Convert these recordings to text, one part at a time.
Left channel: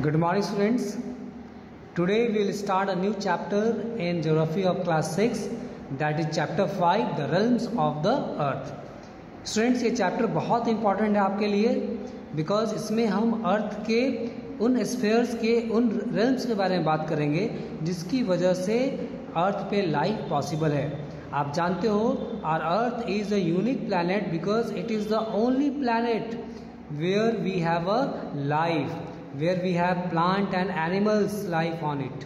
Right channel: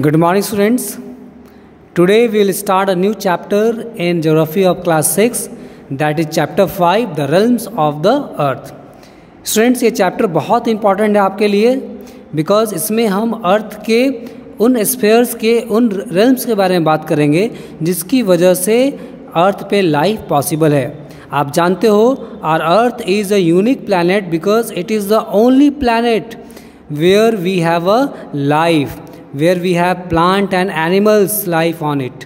Good morning, students. Today we will start a new chapter in Geography of Class 6, that is Chapter 5, The Realms of the Earth. Students, ये chapter बहुत important है आपके लिए because इसमें हम अर्थ के उन स्फीयर्स के उन रेल्म्स के बारे में बात करेंगे जिसकी वजह से अर्थ पे लाइफ पॉसिबल है. आप जानते हो our earth is a unique planet because it is the only planet where we have a life, where we have plant and animals life on it.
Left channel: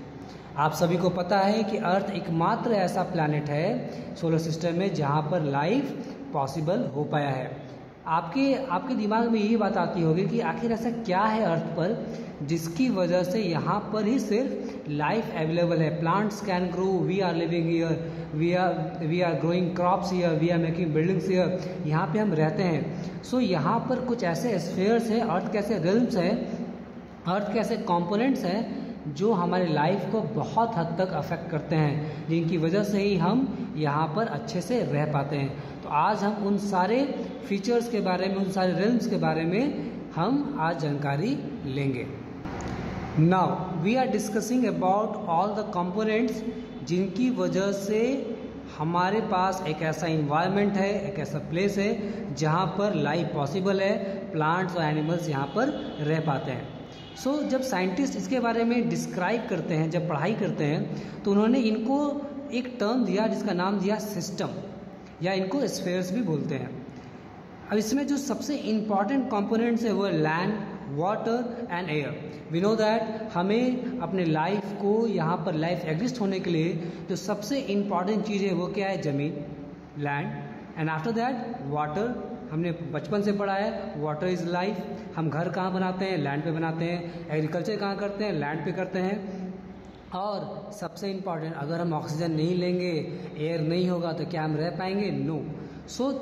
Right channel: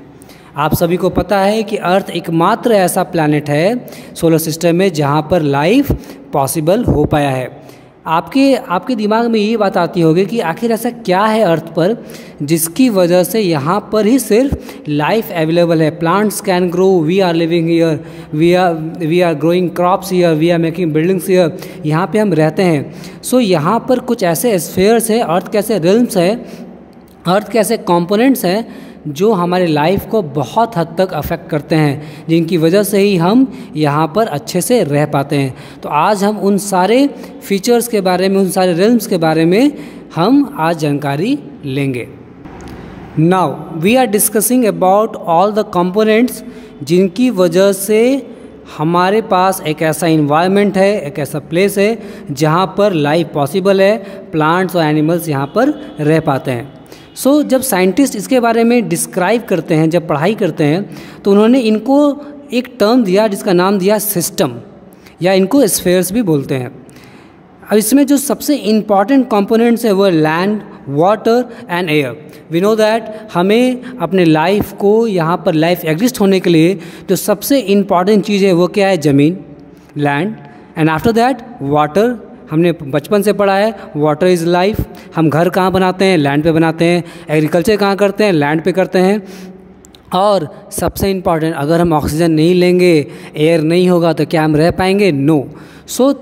आप सभी को पता है कि अर्थ एकमात्र ऐसा प्लैनेट है सोलर सिस्टम में जहाँ पर लाइफ पॉसिबल हो पाया है. आपके दिमाग में ये बात आती होगी कि आखिर ऐसा क्या है अर्थ पर जिसकी वजह से यहाँ पर ही सिर्फ लाइफ अवेलेबल है. Plants can grow, we are living here, we are growing crops here, we are making buildings here, यहाँ पे हम रहते हैं. सो यहाँ पर कुछ ऐसे स्फीयर्स हैं, अर्थ कैसे रिल्म्स है, अर्थ के ऐसे कंपोनेंट्स हैं जो हमारे लाइफ को बहुत हद तक अफेक्ट करते हैं, जिनकी वजह से ही हम यहाँ पर अच्छे से रह पाते हैं. तो आज हम उन सारे फीचर्स के बारे में, उन सारे रिल्म्स के बारे में हम आज जानकारी लेंगे. Now we are discussing about all the components जिनकी वजह से हमारे पास एक ऐसा इन्वायरमेंट है, एक ऐसा प्लेस है जहाँ पर लाइफ पॉसिबल है, प्लांट्स और एनिमल्स यहाँ पर रह पाते हैं. जब साइंटिस्ट इसके बारे में डिस्क्राइब करते हैं, जब पढ़ाई करते हैं, तो उन्होंने इनको एक टर्म दिया जिसका नाम दिया सिस्टम, या इनको स्फीयर्स भी बोलते हैं. अब इसमें जो सबसे इम्पॉर्टेंट कंपोनेंट्स है वो land, water and air. We know that हमें अपने लाइफ को, यहाँ पर लाइफ एग्जिस्ट होने के लिए जो सबसे इम्पॉर्टेंट चीज़ है वो क्या है? ज़मीन, land, and after that water. हमने बचपन से पढ़ा है वाटर इज़ लाइफ. हम घर कहाँ बनाते हैं? लैंड पे बनाते हैं. एग्रीकल्चर कहाँ करते हैं? लैंड पे करते हैं. और सबसे इम्पॉर्टेंट, अगर हम ऑक्सीजन नहीं लेंगे, एयर नहीं होगा, तो क्या हम रह पाएंगे? No. So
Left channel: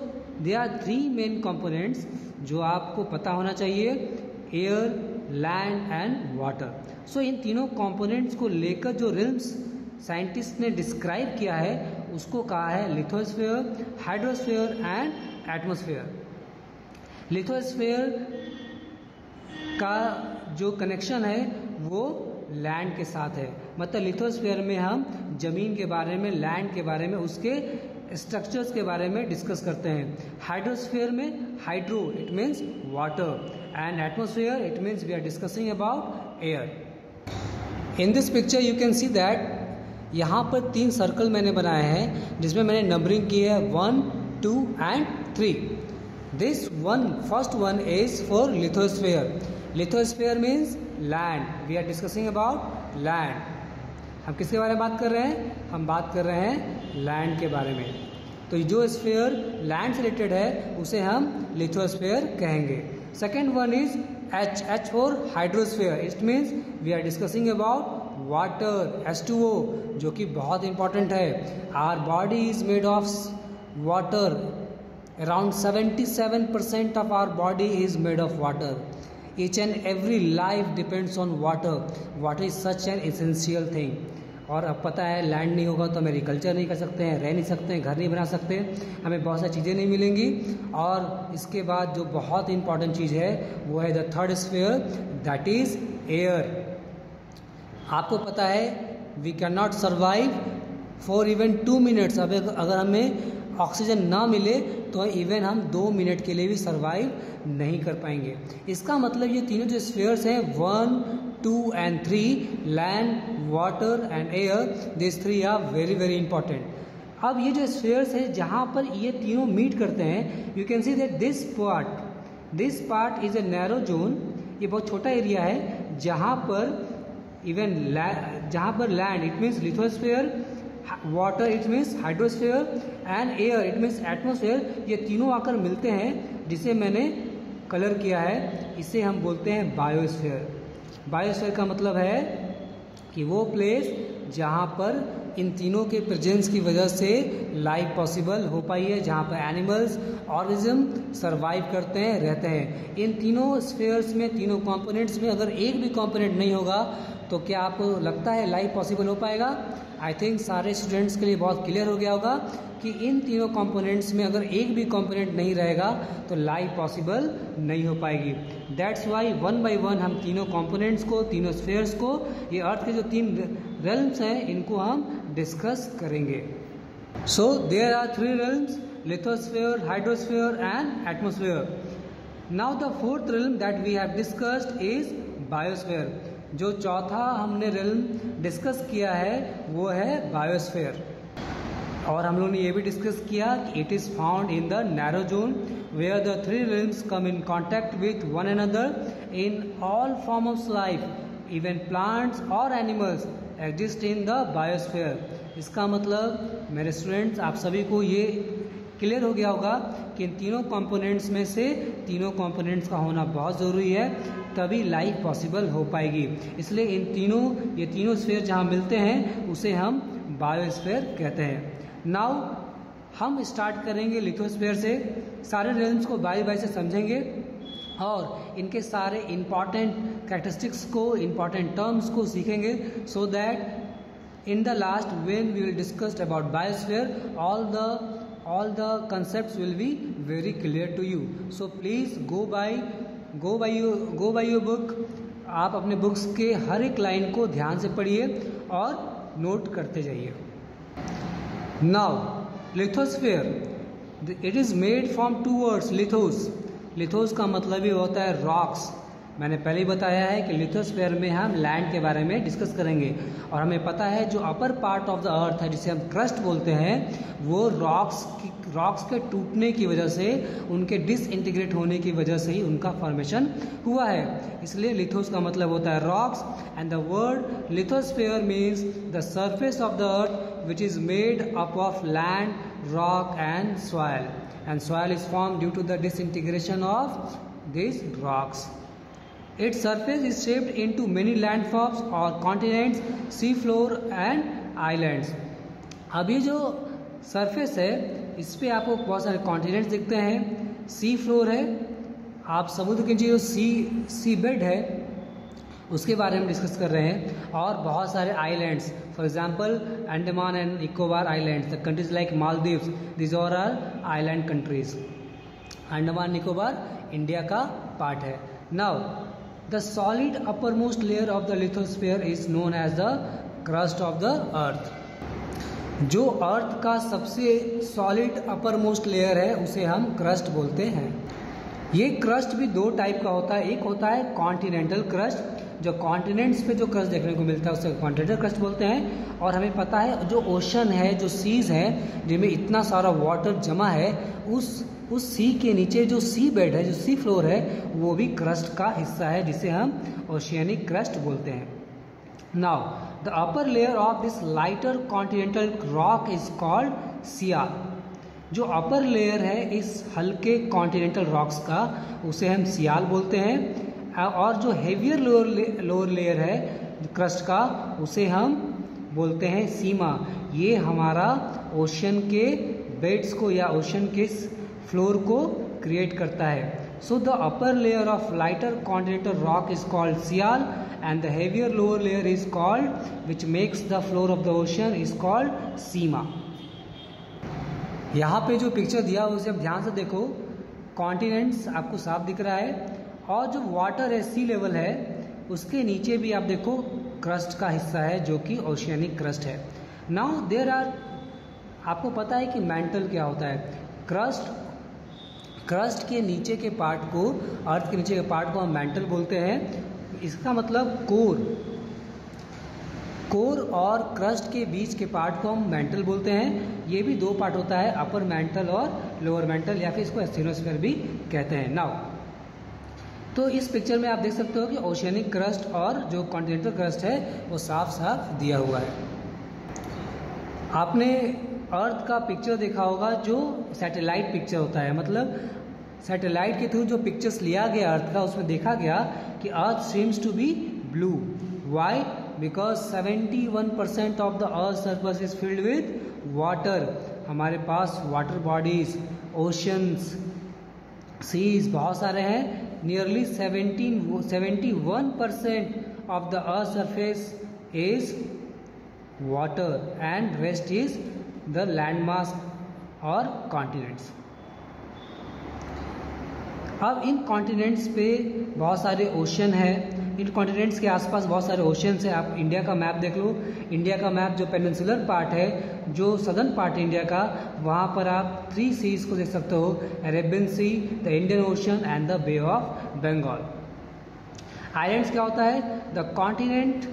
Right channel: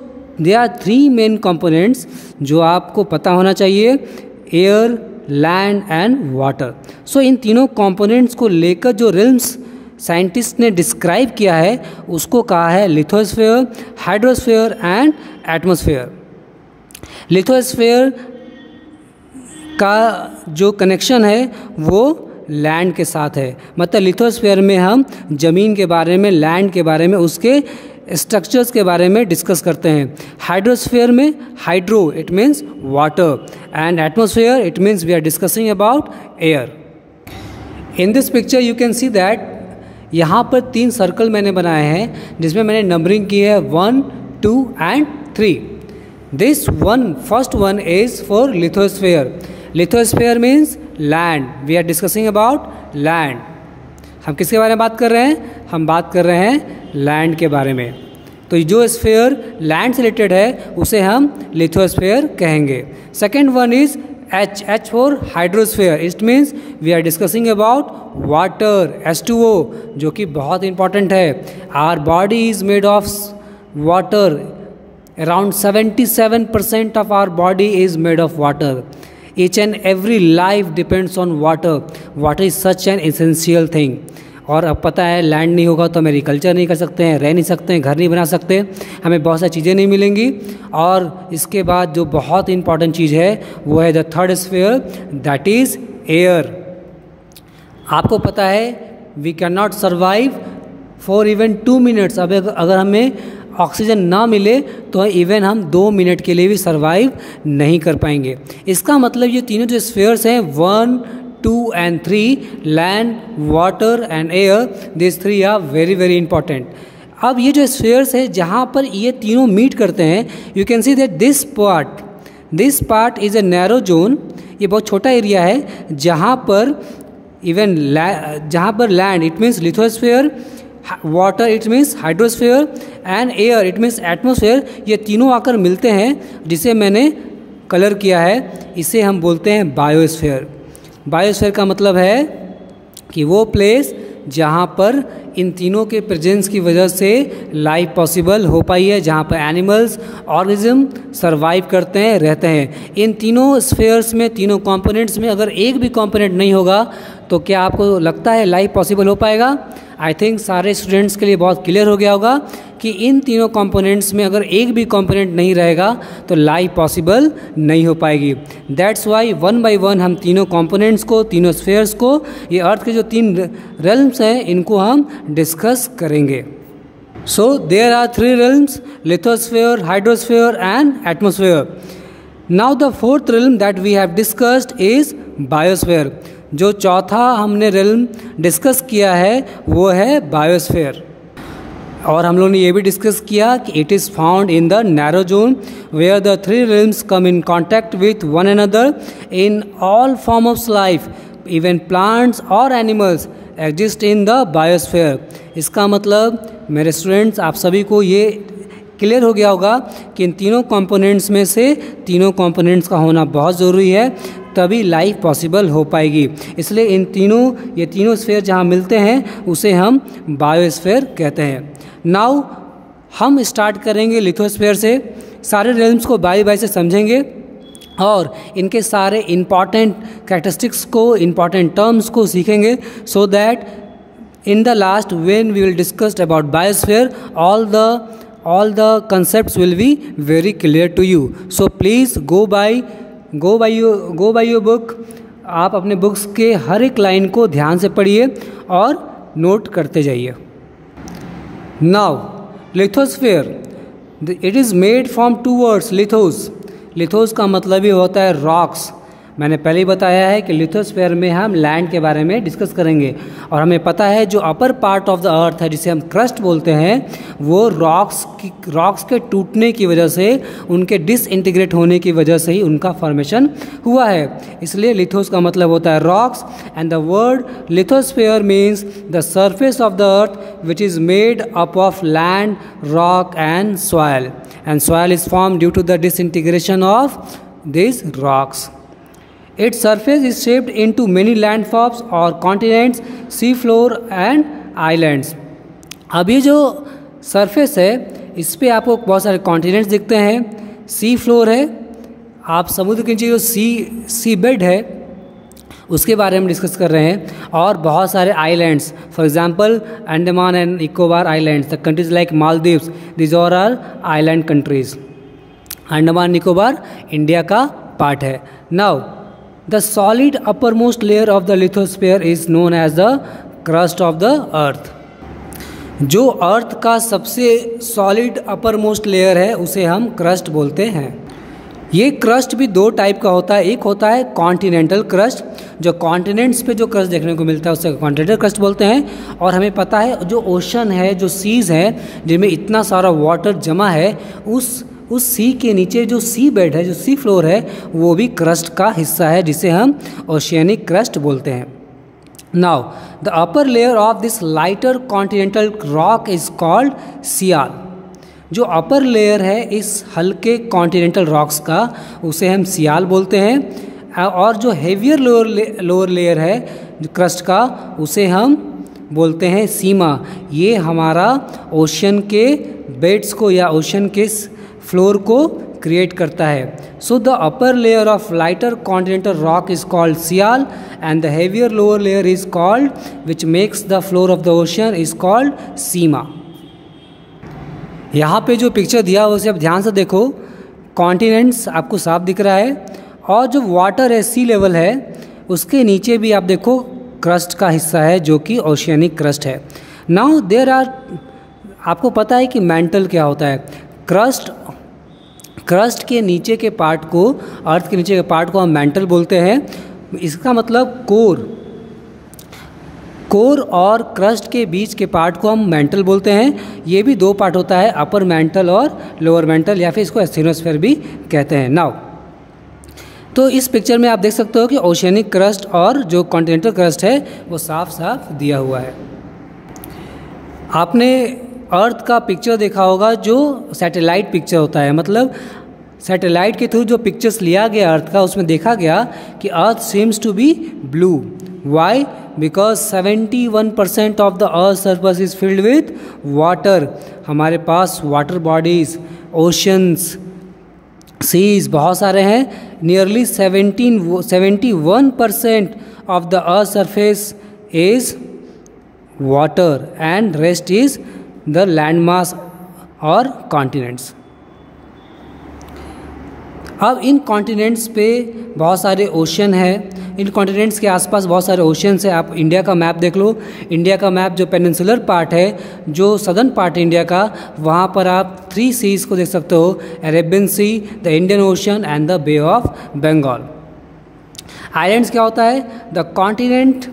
they are 3 main components जो आपको पता होना चाहिए: air, land and water. So इन तीनों कंपोनेंट्स को लेकर जो रिल्म्स साइंटिस्ट ने डिस्क्राइब किया है उसको कहा है lithosphere, hydrosphere and atmosphere. Lithosphere का जो कनेक्शन है वो लैंड के साथ है. मतलब लिथोस्फीयर में हम ज़मीन के बारे में, लैंड के बारे में, उसके स्ट्रक्चर्स के बारे में डिस्कस करते हैं. हाइड्रोस्फीयर में hydro it means water, and atmosphere it means we are discussing about air. In this picture you can see that यहाँ पर 3 सर्कल मैंने बनाए हैं जिसमें मैंने नंबरिंग की है 1, 2 and 3. This one, first one is for lithosphere. Lithosphere means land. We are discussing about land. हम किसके बारे में बात कर रहे हैं? हम बात कर रहे हैं लैंड के बारे में. तो जो स्फीयर लैंड से रिलेटेड है उसे हम लिथोस्फीयर कहेंगे. Second one is H for hydrosphere. It means we are discussing about water, H2O, जो कि बहुत important है. Our body is made of water. Around 77% of our body is made of water. Each and every life depends on water. Water is such an essential thing. और अब पता है land नहीं होगा तो हम एग्रीकल्चर नहीं कर सकते हैं, रह नहीं सकते हैं, घर नहीं बना सकते, हमें बहुत सारी चीज़ें नहीं मिलेंगी. और इसके बाद जो बहुत इंपॉर्टेंट चीज़ है वो है the third sphere, that is air. आपको पता है we can not survive for even 2 minutes. अब अगर हमें ऑक्सीजन ना मिले तो इवन हम 2 मिनट के लिए भी सर्वाइव नहीं कर पाएंगे. इसका मतलब ये तीनों जो स्फीयर्स हैं 1, 2 and 3, land, water and air, these 3 are very very important. अब ये जो स्फीयर्स है जहाँ पर ये तीनों मीट करते हैं, you can see that this part is a narrow zone. ये बहुत छोटा एरिया है जहाँ पर land it means lithosphere, water it means hydrosphere and air it means atmosphere, ये तीनों आकर मिलते हैं जिसे मैंने कलर किया है. इसे हम बोलते हैं बायोस्फीयर. बायोस्फीयर का मतलब है कि वो प्लेस जहाँ पर इन तीनों के प्रेजेंस की वजह से लाइफ पॉसिबल हो पाई है, जहाँ पर एनिमल्स, ऑर्गेनिज्म सर्वाइव करते हैं, रहते हैं. इन तीनों स्फीयर्स में, तीनों कंपोनेंट्स में अगर एक भी कंपोनेंट नहीं होगा तो क्या आपको लगता है लाइफ पॉसिबल हो पाएगा? आई थिंक सारे स्टूडेंट्स के लिए बहुत क्लियर हो गया होगा कि इन तीनों कंपोनेंट्स में अगर एक भी कंपोनेंट नहीं रहेगा तो लाइफ पॉसिबल नहीं हो पाएगी। That's why one by one हम तीनों कंपोनेंट्स को, तीनों स्फीयर्स को, ये अर्थ के जो 3 रेल्म्स हैं इनको हम डिस्कस करेंगे। So there are 3 realms, lithosphere, hydrosphere and atmosphere. Now the 4th realm that we have discussed is biosphere. जो चौथा हमने रेल्म डिस्कस किया है वो है बायोस्फीयर। और हम लोगों ने ये भी डिस्कस किया कि it is found in the narrow zone where the 3 realms come in contact with one another in all form of life, even plants और animals exist in the biosphere. इसका मतलब मेरे स्टूडेंट्स आप सभी को ये क्लियर हो गया होगा कि इन तीनों कंपोनेंट्स में से तीनों कंपोनेंट्स का होना बहुत ज़रूरी है, तभी लाइफ पॉसिबल हो पाएगी। इसलिए ये तीनों स्फीयर जहाँ मिलते हैं उसे हम बायोस्फीयर कहते हैं। नाउ हम स्टार्ट करेंगे लिथोस्फीयर से। सारे रेल्म्स को बारी बारी से समझेंगे और इनके सारे इम्पॉर्टेंट कैरेक्टरिस्टिक्स को, इम्पॉर्टेंट टर्म्स को सीखेंगे, so that in the last when we will discuss about biosphere all the concepts will be very clear to you. So please go by your book. आप अपने बुक्स के हर एक line को ध्यान से पढ़िए और नोट करते जाइए। Now lithosphere, it is made from 2 words, लिथोस का मतलब ही होता है रॉक्स। मैंने पहले ही बताया है कि लिथोस्फीयर में हम लैंड के बारे में डिस्कस करेंगे और हमें पता है जो अपर पार्ट ऑफ द अर्थ है जिसे हम क्रस्ट बोलते हैं वो रॉक्स के टूटने की वजह से, उनके डिसइंटीग्रेट होने की वजह से ही उनका फॉर्मेशन हुआ है। इसलिए लिथोस का मतलब होता है rocks and the word lithosphere means the surface of the earth which is made up of land, rock and soil is form due to the disintegration of this rocks. Its surface is shaped into many landforms or continents, sea floor and islands. अब ये जो surface है इस पे आपको बहुत सारे continents दिखते हैं, सी फ्लोर है, आप समुद्र के नीचे जो सी बेड है उसके बारे में डिस्कस कर रहे हैं, और बहुत सारे islands, for example Andaman and Nicobar islands, the countries like Maldives, this are island countries. Andaman Nicobar India का पार्ट है. Now the solid uppermost layer of the lithosphere is known as the crust of the earth. जो अर्थ का सबसे सॉलिड अपरमोस्ट लेयर है उसे हम crust बोलते हैं. ये क्रस्ट भी 2 टाइप का होता है. एक होता है कॉन्टिनेंटल क्रस्ट, जो कॉन्टिनेंट्स पे जो क्रस्ट देखने को मिलता है उसे कॉन्टिनेंटल क्रस्ट बोलते हैं. और हमें पता है जो ओशन है, जो सीज़ है जिनमें इतना सारा वाटर जमा है, उस सी के नीचे जो सी बेड है, जो सी फ्लोर है, वो भी क्रस्ट का हिस्सा है जिसे हम ओशियनिक क्रस्ट बोलते हैं. Now the upper layer of this lighter continental rock is called sial. जो अपर लेयर है इस हल्के कॉन्टिनेंटल रॉक्स का उसे हम सियाल बोलते हैं. और जो हेवियर लोअर लेयर है जो क्रस्ट का उसे हम बोलते हैं सीमा. ये हमारा ओशन के बेड्स को या ओशन के फ्लोर को क्रिएट करता है. So the upper layer of lighter continental rock is called sial and the heavier lower layer is called which makes the floor of the ocean is called sima. यहाँ पे जो picture दिया हुआ उसे आप ध्यान से देखो. कॉन्टिनेंट्स आपको साफ दिख रहा है और जो वाटर है, सी लेवल है, उसके नीचे भी आप देखो क्रस्ट का हिस्सा है जो कि ओशियनिक क्रस्ट है. नाउ देयर आर, आपको पता है कि मैंटल क्या होता है. क्रस्ट के नीचे के पार्ट को, अर्थ के नीचे के पार्ट को हम मैंटल बोलते हैं. इसका मतलब कोर और क्रस्ट के बीच के पार्ट को हम मैंटल बोलते हैं. ये भी 2 पार्ट होता है, अपर मैंटल और लोअर मैंटल, या फिर इसको एस्थिनोस्फीयर भी कहते हैं. नाउ तो इस पिक्चर में आप देख सकते हो कि ओशियनिक क्रस्ट और जो कॉन्टिनेंटल क्रस्ट है वो साफ साफ दिया हुआ है. आपने अर्थ का पिक्चर देखा होगा जो सैटेलाइट पिक्चर होता है. मतलब सैटेलाइट के थ्रू जो पिक्चर्स लिया गया अर्थ का, उसमें देखा गया कि earth seems to be blue. Why? Because 71% of the earth surface is filled with water. हमारे पास वाटर बॉडीज, ओशंस, सीज बहुत सारे हैं. Nearly 71% of the earth's surface is water and rest is the landmass or continents. अब इन continents पे बहुत सारे ocean हैं, इन कॉन्टिनेंट्स के आसपास बहुत सारे ओशंस हैं. आप इंडिया का मैप देख लो, इंडिया का मैप जो पेनिनसुलर पार्ट है, जो सदर्न पार्ट है इंडिया का, वहाँ पर आप 3 सीज को देख सकते हो, Arabian Sea, the Indian Ocean and the Bay of Bengal. Islands क्या होता है? The continent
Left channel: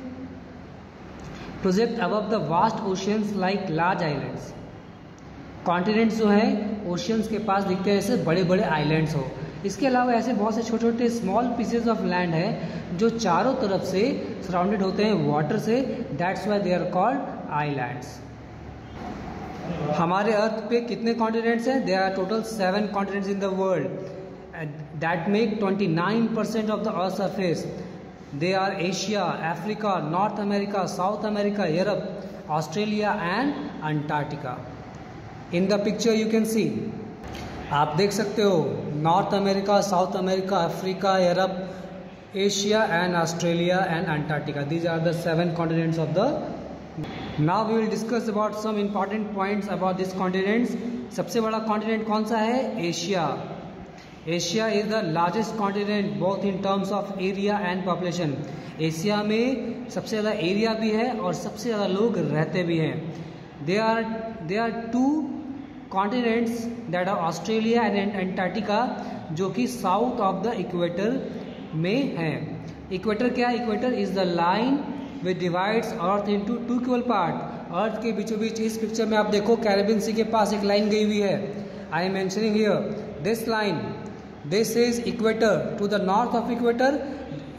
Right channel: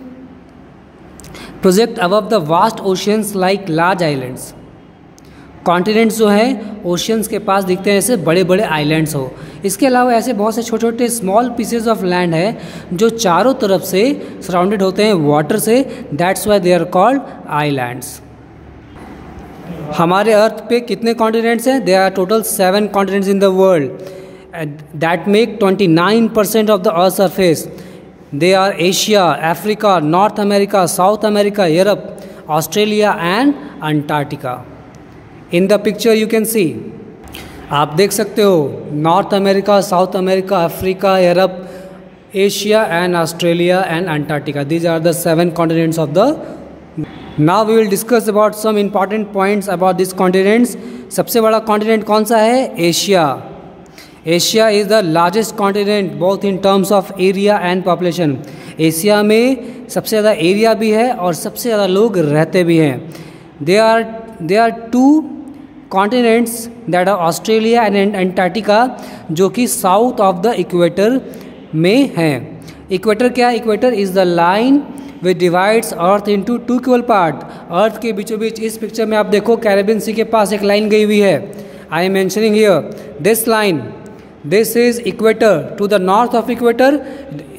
project above the vast oceans like large islands. Continents जो हैं ओशंस के पास दिखते हैं जैसे बड़े बड़े आइलैंड्स हो. इसके अलावा ऐसे बहुत से छोटे छोटे स्मॉल पीसेज ऑफ लैंड है जो चारों तरफ से सराउंडेड होते हैं वाटर से. That's why they are called islands. हमारे अर्थ पे कितने कॉन्टिनेंट्स हैं? They are total 7 continents in the world that make 29% of the earth surface. They are Asia, Africa, North America, South America, Europe, Australia and Antarctica. In the picture you can see, आप देख सकते हो North America, South America, Africa, Europe, Asia and Australia and Antarctica. These are the 7 continents of the. Now we will discuss about some important points about this continents. सबसे बड़ा continent कौन सा है? Asia. Asia is the largest continent both in terms of area and population. Asia में सबसे ज़्यादा area भी है और सबसे ज़्यादा लोग रहते भी हैं. There are 2 continents that are Australia and Antarctica जो कि साउथ ऑफ द इक्वेटर में हैं. इक्वेटर क्या है? Equator is the line which divides earth into 2 equal part. Earth के बीचों बीच इस पिक्चर में आप देखो कैरेबियन सी के पास एक लाइन गई हुई है. I am mentioning here this line. This is equator. To the north of equator,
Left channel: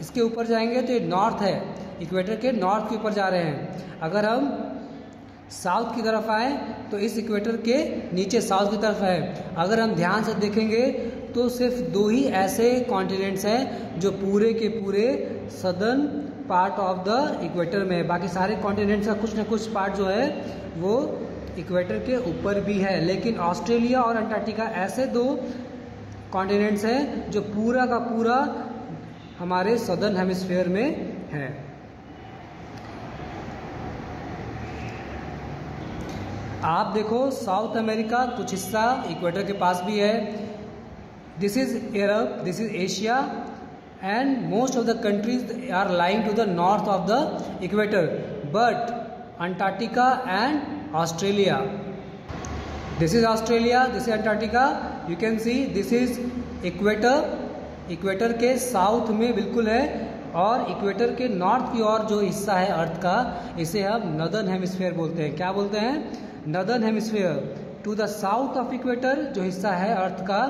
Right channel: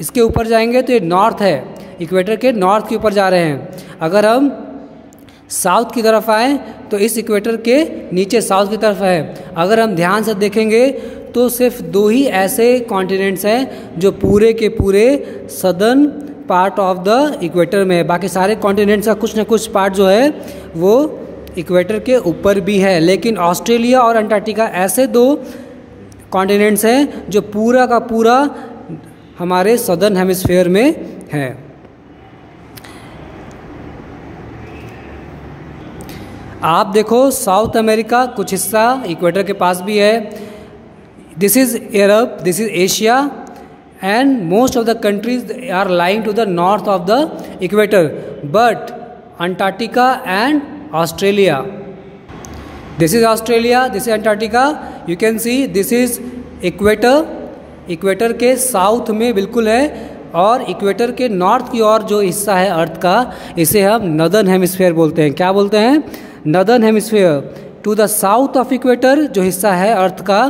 इसके ऊपर जाएंगे तो ये नॉर्थ है, इक्वेटर के नॉर्थ के ऊपर जा रहे हैं. अगर हम साउथ की तरफ आए तो इस इक्वेटर के नीचे साउथ की तरफ है. अगर हम ध्यान से देखेंगे तो सिर्फ 2 ही ऐसे कॉन्टिनेंट्स हैं जो पूरे के पूरे southern part of the equator में है. बाकी सारे कॉन्टिनेंट्स का कुछ न कुछ पार्ट जो है वो इक्वेटर के ऊपर भी है. लेकिन ऑस्ट्रेलिया और अंटार्कटिका ऐसे 2 कॉन्टिनेंट्स हैं जो पूरा का पूरा हमारे सदर्न हेमिस्फीयर में है. आप देखो साउथ अमेरिका कुछ हिस्सा इक्वेटर के पास भी है. This is Europe, this is Asia and most of the countries are lying to the north of the equator. But Antarctica and Australia, this is Australia, this is Antarctica. You can see this is equator. Equator के south में बिल्कुल है और equator के north की ओर जो हिस्सा है अर्थ का, इसे हम नॉर्दर्न हेमिस्फीयर बोलते हैं. क्या बोलते हैं? Northern hemisphere. To the south of equator जो हिस्सा है अर्थ का,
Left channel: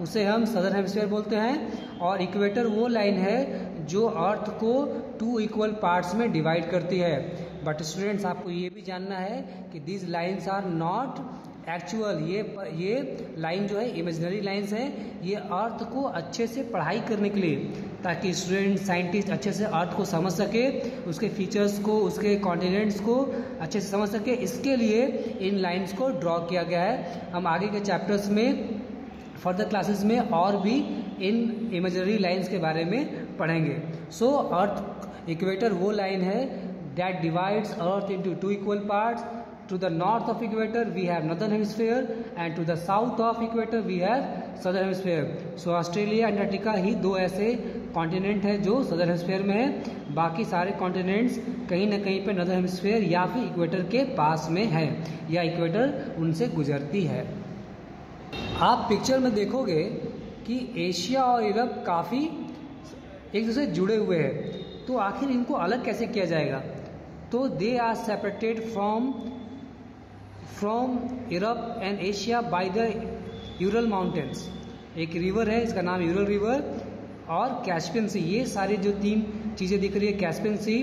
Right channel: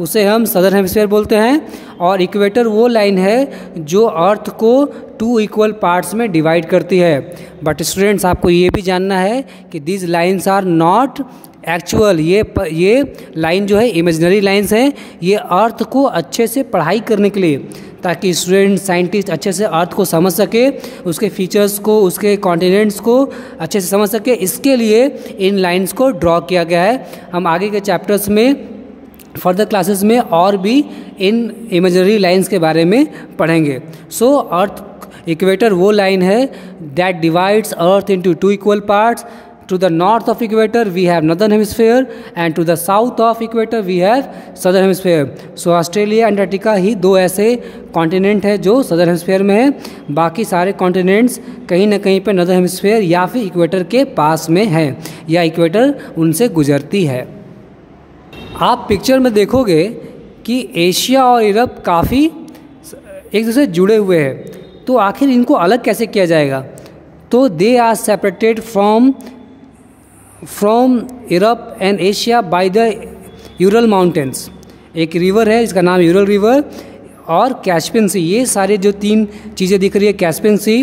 उसे हम सदर्न हेमिस्फीयर बोलते हैं. और इक्वेटर वो लाइन है जो अर्थ को 2 इक्वल पार्ट्स में डिवाइड करती है. बट स्टूडेंट्स, आपको ये भी जानना है कि these lines are not actual. ये लाइन जो है इमेजिनरी लाइन्स हैं. ये अर्थ को अच्छे से पढ़ाई करने के लिए, ताकि स्टूडेंट साइंटिस्ट अच्छे से अर्थ को समझ सके, उसके फीचर्स को, उसके कॉन्टिनेंट्स को अच्छे से समझ सके, इसके लिए इन लाइन्स को ड्रॉ किया गया है. हम आगे के चैप्टर्स में, फर्दर क्लासेस में और भी इन इमेजिनरी लाइन्स के बारे में पढ़ेंगे. सो अर्थ इक्वेटर वो लाइन है that divides earth into 2 equal parts. To the north of equator we have northern hemisphere and to the south of equator we have southern hemisphere. So Australia and Antarctica ही 2 ऐसे continent है जो southern hemisphere में है. बाकी सारे continents कहीं ना कहीं पे northern hemisphere या फिर इक्वेटर के पास में है या इक्वेटर उनसे गुजरती है. आप पिक्चर में देखोगे कि एशिया और यूरोप काफ़ी एक दूसरे से जुड़े हुए हैं. तो आखिर इनको अलग कैसे किया जाएगा? तो they are separated from Europe and Asia by the Ural mountains. एक रिवर है इसका नाम यूरल रिवर और कैस्पियन सी. ये सारे जो 3 चीज़ें दिख रही है, कैस्पियन सी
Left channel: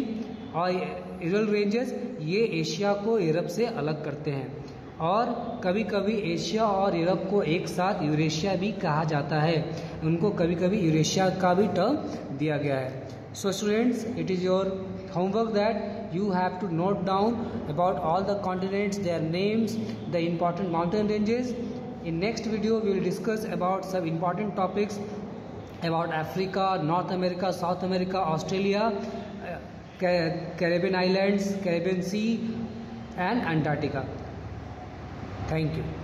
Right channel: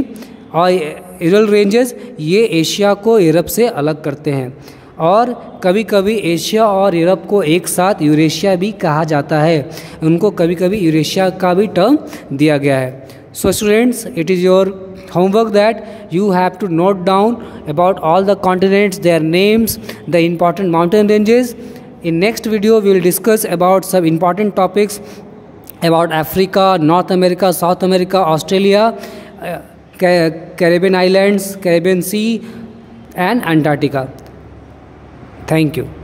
और यूरल रेंजेस, ये एशिया को यूरोप से अलग करते हैं. और कभी कभी एशिया और यूरोप को एक साथ यूरेशिया भी कहा जाता है. उनको कभी कभी यूरेशिया का भी टर्म दिया गया है. So students, it is your homework that you have to note down about all the continents, their names, the important mountain ranges. In next video, we will discuss about some important topics about Africa, North America, South America, Australia. Caribbean Islands, Caribbean Sea and Antarctica. Thank you.